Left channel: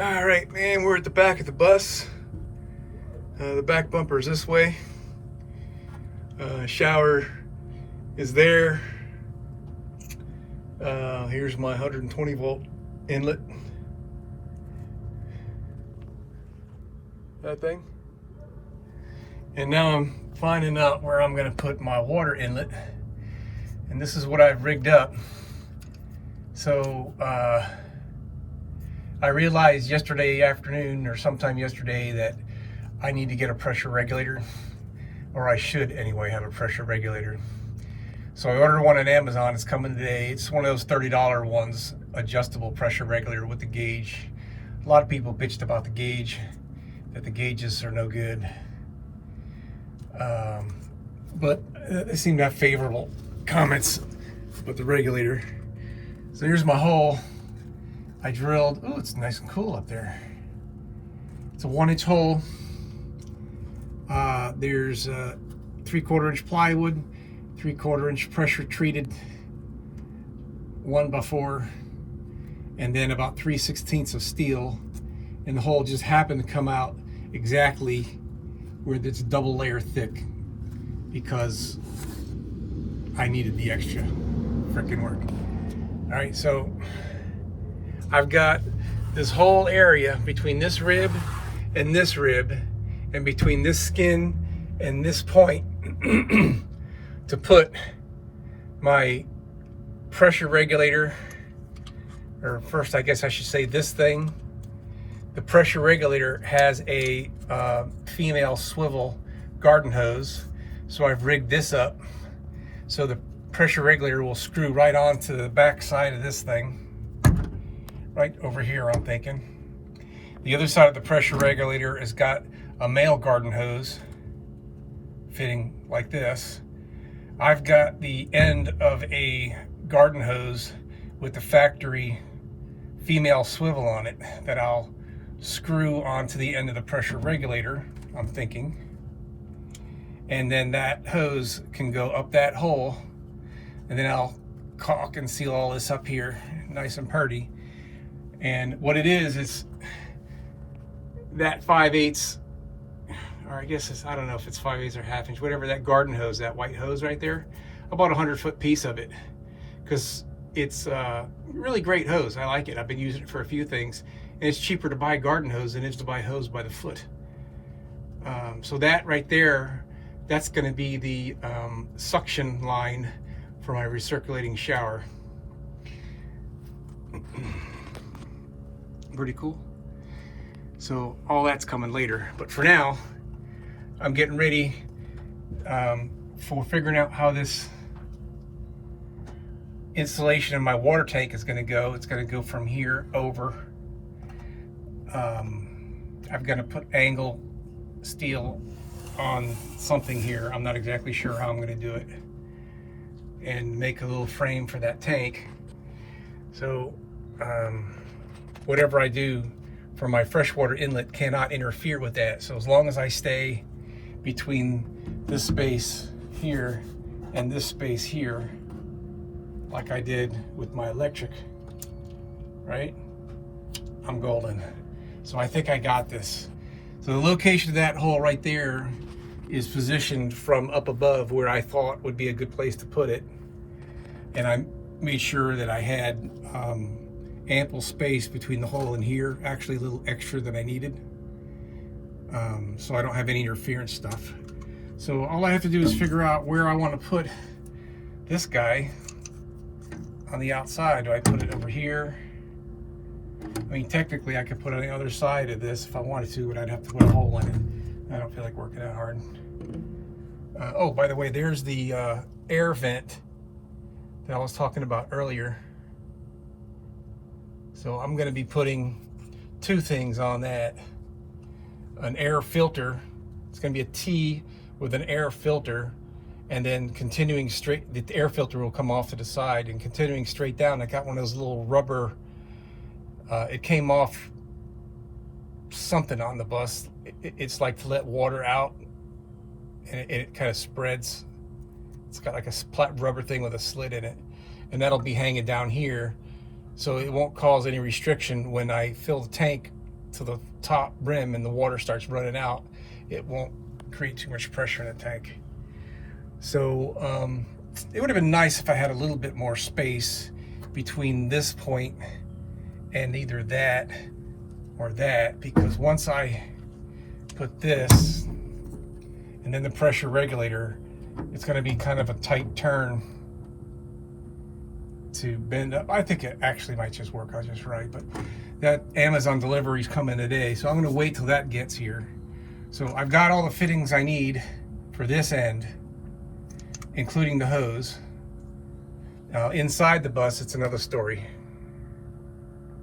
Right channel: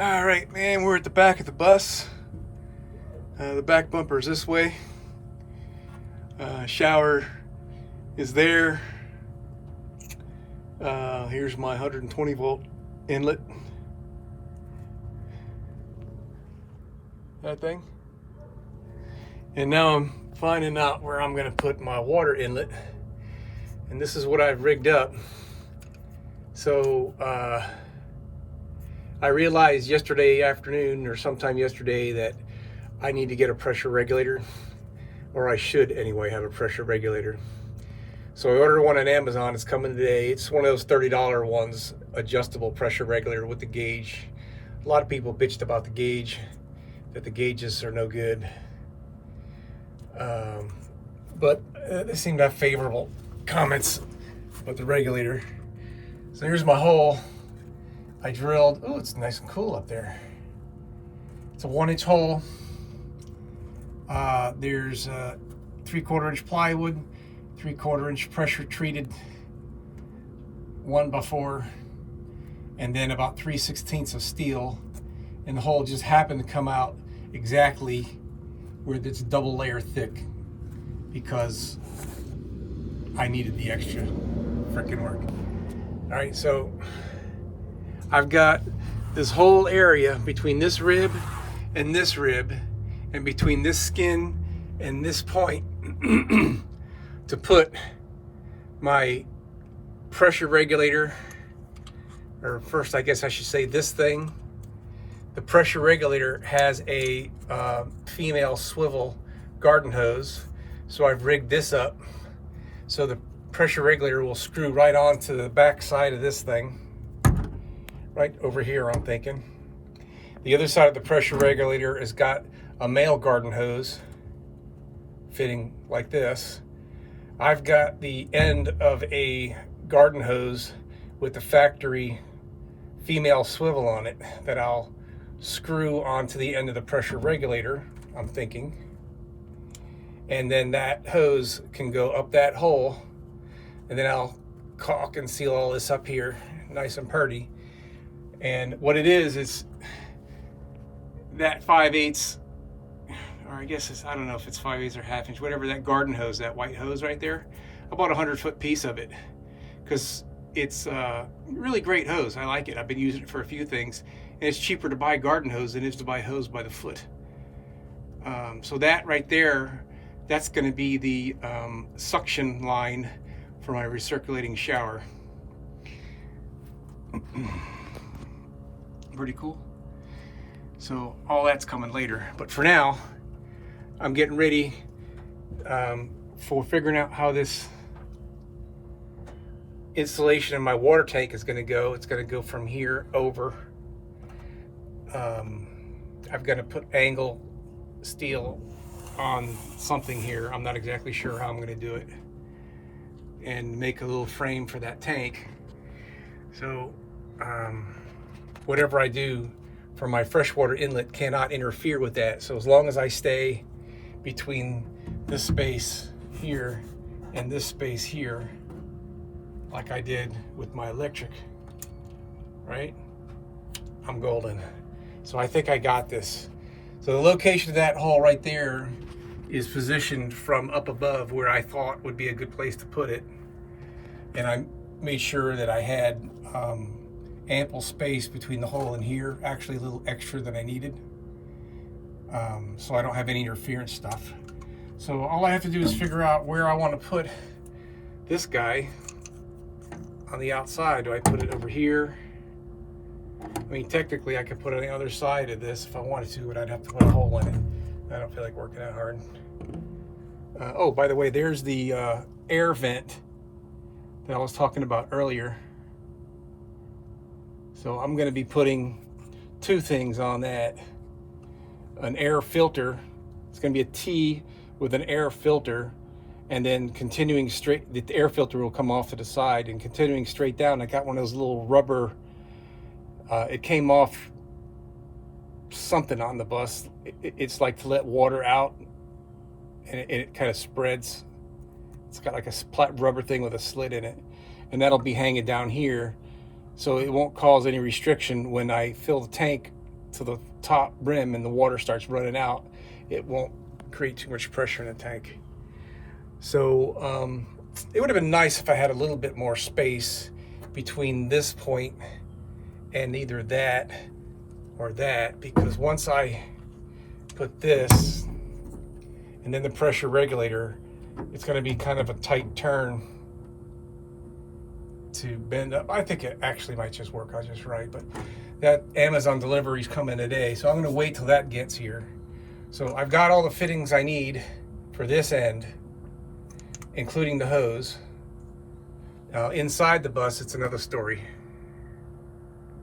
All right, man, we're at the back of the bus. The back bumper is this way. Shower is there. Here's my 120 volt inlet. That thing. And now I'm finding out where I'm going to put my water inlet. And this is what I've rigged up. So I realized yesterday afternoon or sometime yesterday that I need to get a pressure regulator, or I should anyway have a pressure regulator. So I ordered one on Amazon. It's coming today. It's one of those $30 ones, adjustable pressure regulator with the gauge. A lot of people bitched about the gauge, that the gauges are no good. But they seem to have favorable comments with the regulator. So here's my hole. I drilled, oh, it's nice and cool up there. It's a 1-inch hole. There's 3/4 inch plywood, 3/4 inch pressure treated 1x4, and then about 3/16 of steel. And the hole just happened to come out exactly where it's double layer thick because I needed the extra freaking work. All right, so I've got this whole area between this rib and this rib, and between this skin and this point to put my pressure regulator, or first I guess I should say this thing. The pressure regulator has a female swivel garden hose, so I've rigged this up so the pressure regulator will screw right onto the back side of this thing, right over here I'm thinking. The other side of the pressure regulator has got a male garden hose fitting like this. I've got the end of a garden hose with the factory female swivel on it that I'll screw onto the end of the pressure regulator, I'm thinking. And then that hose can go up that hole, and then I'll caulk and seal all this up here nice and purty. And what it is that 5/8, or I guess it's, I don't know if it's 5/8 or 1/2 inch, whatever, that garden hose, that white hose right there, about a 100-foot piece of it, because it's a really great hose. I like it. I've been using it for a few things, and it's cheaper to buy garden hose than it is to buy hose by the foot. So that right there, that's going to be the suction line for my recirculating shower. Pretty cool. So all that's coming later, but for now I'm getting ready for figuring out how this installation in my water tank is going to go. It's going to go from here over. I've got to put angle steel on something here. I'm not exactly sure how I'm going to do it, and make a little frame for that tank. So whatever I do for my freshwater inlet cannot interfere with that. So as long as I stay between this space here and this space here, like I did with my electric, right, I'm golden. So I think I got this. So the location of that hole right there is positioned from up above where I thought would be a good place to put it. And I made sure that I had ample space between the hole and here, actually a little extra than I needed, so I don't have any interference stuff. So all I have to do is figure out where I want to put this guy on the outside. Do I put it over here? I mean, technically I could put it on the other side of this if I wanted to, but I'd have to put a hole in it. I don't feel like working that hard. Oh, by the way, there's the air vent that I was talking about earlier. So I'm going to be putting two things on that. An air filter. It's going to be a T with an air filter, and then continuing straight, the air filter will come off to the side, and continuing straight down, I got one of those little rubber, it came off something on the bus. It's like to let water out, and it kind of spreads. It's got like a rubber thing with a slit in it, and that'll be hanging down here, so it won't cause any restriction when I fill the tank to the top brim and the water starts running out, it won't create too much pressure in the tank. So it would have been nice if I had a little bit more space between this point and either that or that, because once I put this and then the pressure regulator, it's going to be kind of a tight turn to bend up. I think it actually might just work out just right, but that Amazon delivery is coming today, so I'm going to wait till that gets here. So I've got all the fittings I need for this end, including the hose. Inside the bus, it's another story.